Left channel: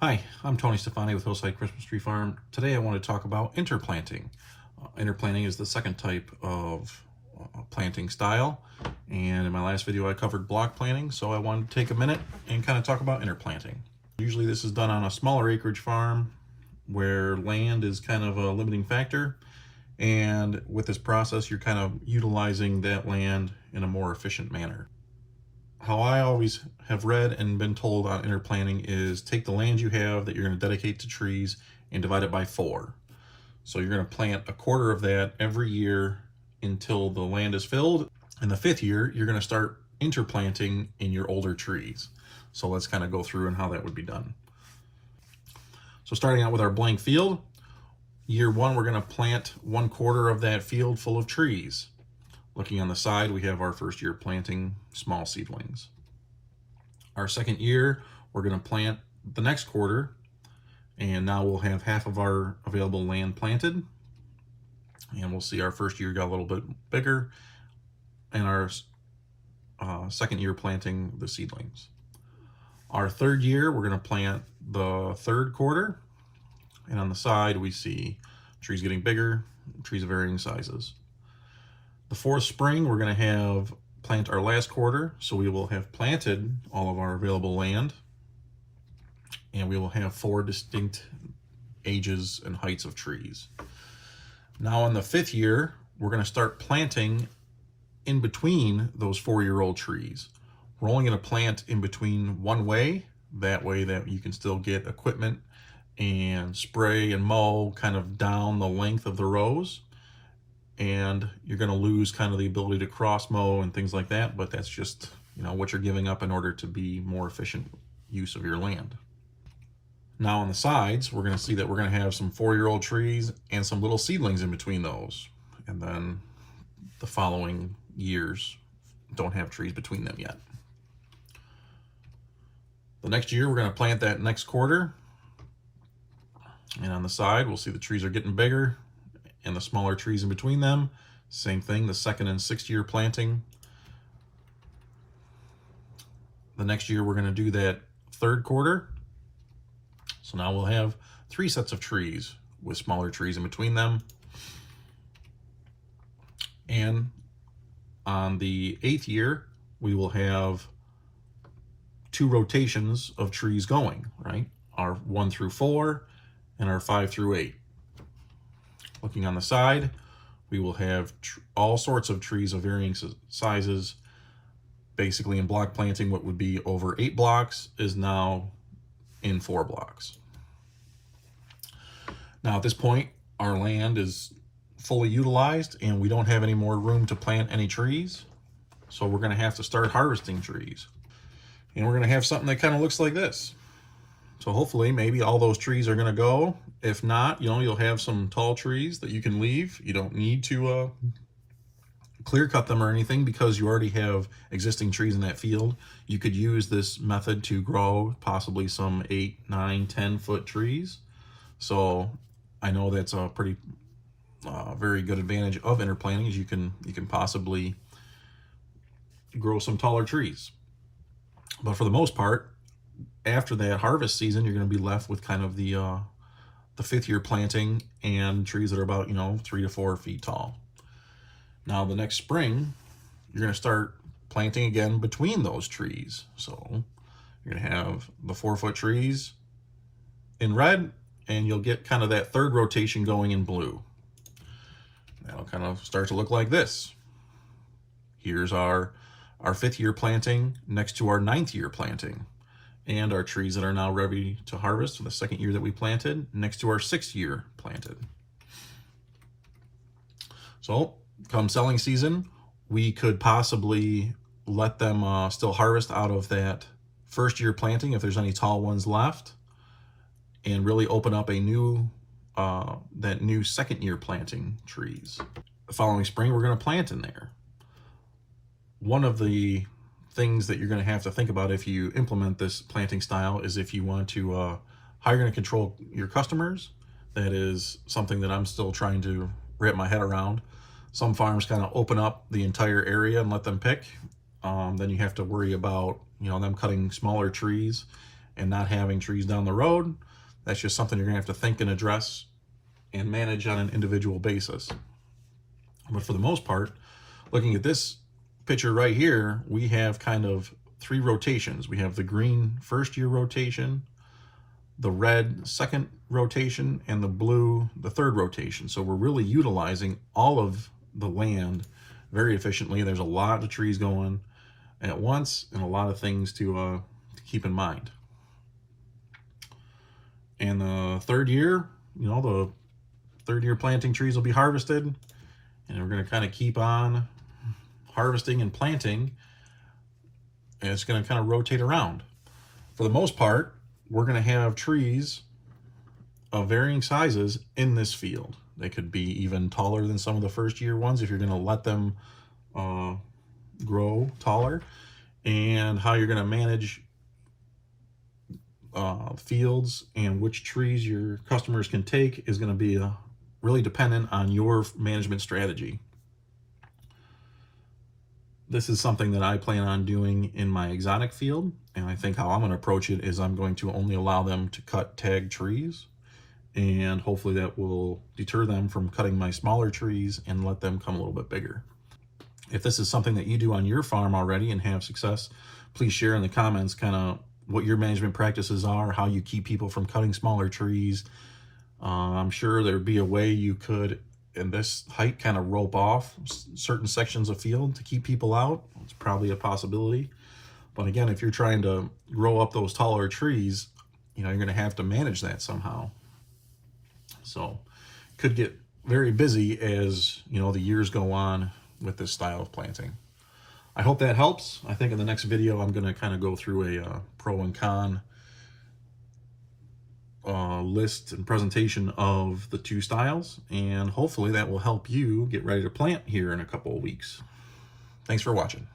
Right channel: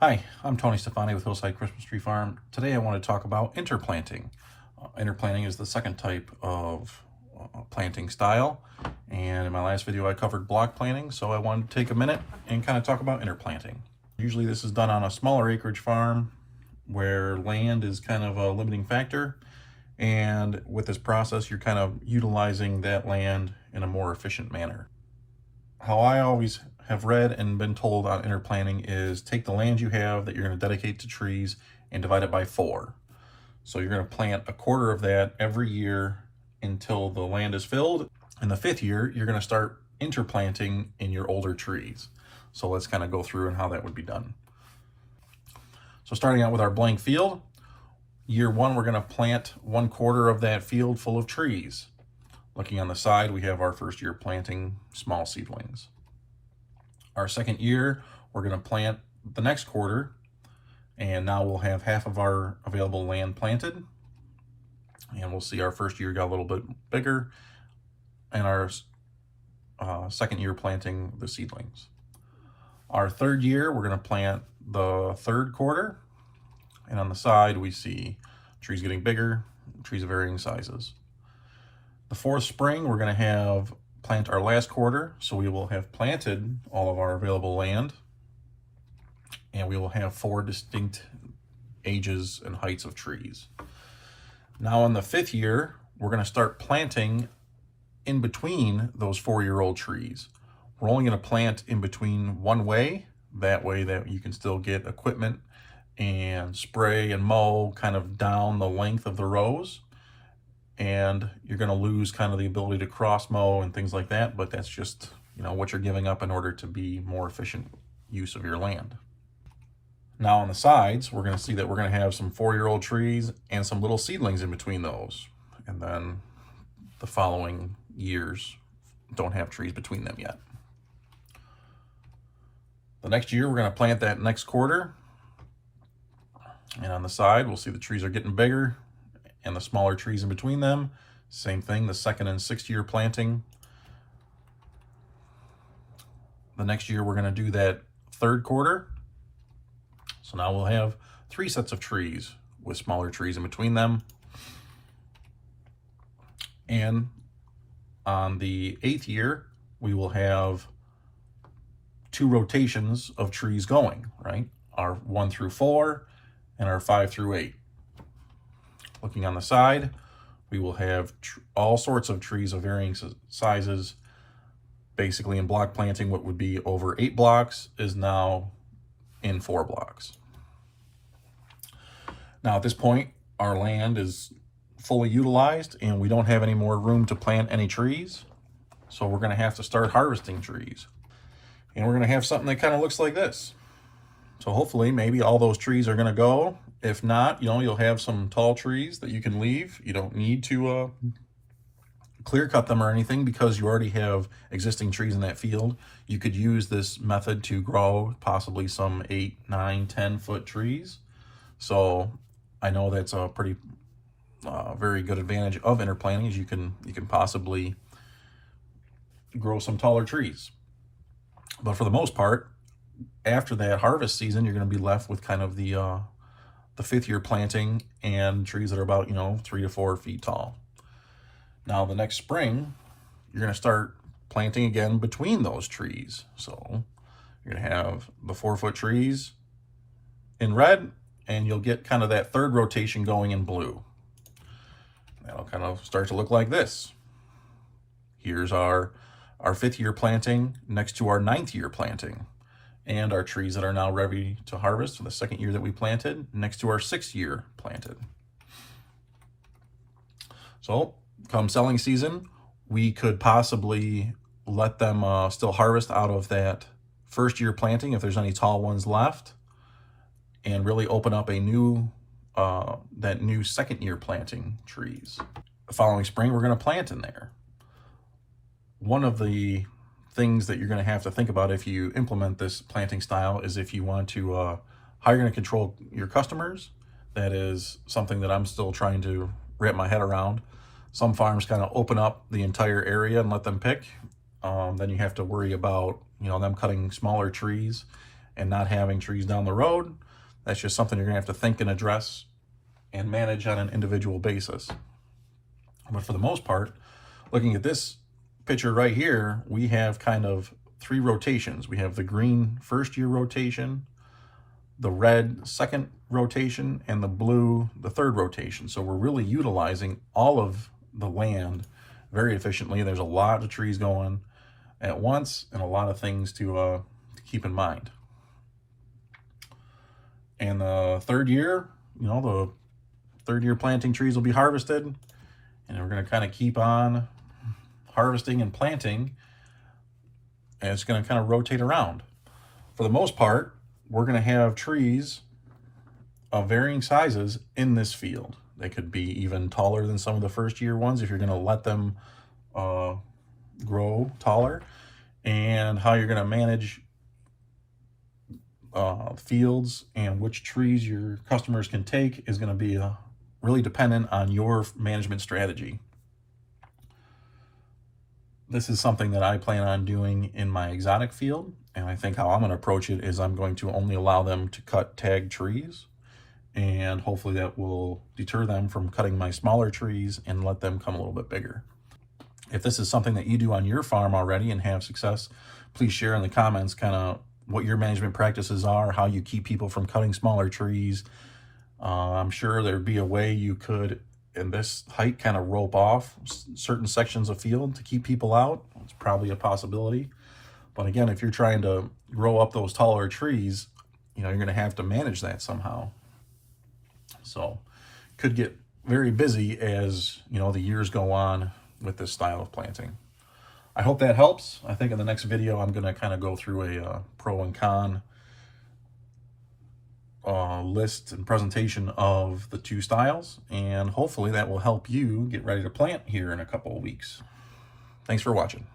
Hi, I'm Tony Stefani with Hillside Christmas Tree Farm. Today I want to talk about interplanting. Interplanting is the second type of planting style, and in my last video I covered block planting, so I wanted to take a minute and kind of talk about interplanting. Usually this is done on a smaller acreage farm where land is kind of a limiting factor, and with this process you're kind of utilizing that land in a more efficient manner. How I always have read and been told on interplanting is take the land you have that you're going to dedicate to trees and divide it by 4. So you're going to plant a quarter of that every year until the land is filled. In the 5th year, you're going to start interplanting in your older trees. So let's kind of go through and how that would be done. So starting out with our blank field, year 1, we're going to plant 1/4 of that field full of trees. Looking on the side, we have our first year planting small seedlings. Our second year, we're going to plant the next quarter, and now we'll have half of our available land planted. And we'll see our first year got a little bit bigger, and our second year planting the seedlings. Our third year, we're going to plant the third quarter, and on the side, we see trees getting bigger, trees of varying sizes. The 4th spring, we're going to plant our last quarter, so we will have planted all of our available land, and we will have 4 distinct ages and heights of trees. Now in the 5th year, we're going to start planting in between those 4-year-old trees. We're only going to plant in between one way, that way that you can still get equipment and spray and mow kind of down the length of the rows. And you're going to lose kind of the ability to cross mow and things like that, but that's just, what you're giving up in order to be more efficient use of your land. Now on the sides, we're going to see that we're going to have some 4-year-old trees and some little seedlings in between those. And then the following years don't have trees between them yet. The next year, we're going to plant that next quarter. And on the side, we'll see the trees are getting bigger, and the smaller trees in between them. Same thing, the 2nd and 6th year planting. The next year we're going to do that 3rd quarter. So now we'll have 3 sets of trees with smaller trees in between them. And on the 8th year, we will have 2 rotations of trees going, right? Our 1 through 4 and our 5 through 8. Looking on the side, we will have all sorts of trees of varying sizes. Basically in block planting, what would be over 8 blocks is now in 4 blocks. Now at this point, our land is fully utilized and we don't have any more room to plant any trees. So we're going to have to start harvesting trees. And we're going to have something that kind of looks like this. So hopefully maybe all those trees are going to go. If not, you'll have some tall trees that you can leave. You don't need to clear cut them or anything because you already have existing trees in that field. You could use this method to grow possibly some 8, 9, 10-foot trees. So I know that's a pretty very good advantage of interplanting, is you can possibly grow some taller trees. But for the most part, after that harvest season, you're going to be left with kind of the 5th year planting and trees that are about 3 to 4 feet tall. Now the next spring, you're going to start planting again between those trees. So you're going to have the 4-foot trees in red, and you'll get kind of that 3rd rotation going in blue. That'll kind of start to look like this. Here's our 5th year planting next to our 9th year planting, and our trees that are now ready to harvest for the 2nd year that we planted next to our 6th year planted. So come selling season, we could possibly let them still harvest out of that 1st year planting if there's any tall ones left, and really open up a new that new 2nd year planting trees. The following spring we're going to plant in there. One of the things that you're going to have to think about if you implement this planting style is if you want to how you're going to control your customers. That is something that I'm still trying to wrap my head around. Some farms kind of open up the entire area and let them pick. Then you have to worry about them cutting smaller trees and not having trees down the road. That's just something you're gonna have to think and address and manage on an individual basis. But for the most part, looking at this picture right here, we have kind of 3 rotations. We have the green first year rotation, the red second rotation, and the blue the third rotation. So we're really utilizing all of the land very efficiently. There's a lot of trees going at once and a lot of things to keep in mind. In the third year, the third year planting trees will be harvested, and we're going to kind of keep on harvesting and planting, and it's going to kind of rotate around. For the most part, we're going to have trees of varying sizes in this field. They could be even taller than some of the first year ones if you're going to let them grow taller. And how you're going to manage fields and which trees your customers can take is going to be really dependent on your management strategy. This is something that I plan on doing in my exotic field, and I think how I'm going to approach it is I'm going to only allow them to cut tag trees, and hopefully that will deter them from cutting my smaller trees and let them come a little bit bigger. If this is something that you do on your farm already and have success, please share in the comments kind of what your management practices are, how you keep people from cutting smaller trees. I'm sure there'd be a way you could, in this height, kind of rope off certain sections of field to keep people out. It's probably a possibility. But again, if you're trying to grow up those taller trees, you're going to have to manage that somehow. So could get very busy as the years go on with this style of planting. I hope that helps. I think in the next video I'm going to kind of go through a pro and con list and presentation of the 2 styles, and hopefully that will help you get ready to plant here in a couple of weeks. Thanks for watching.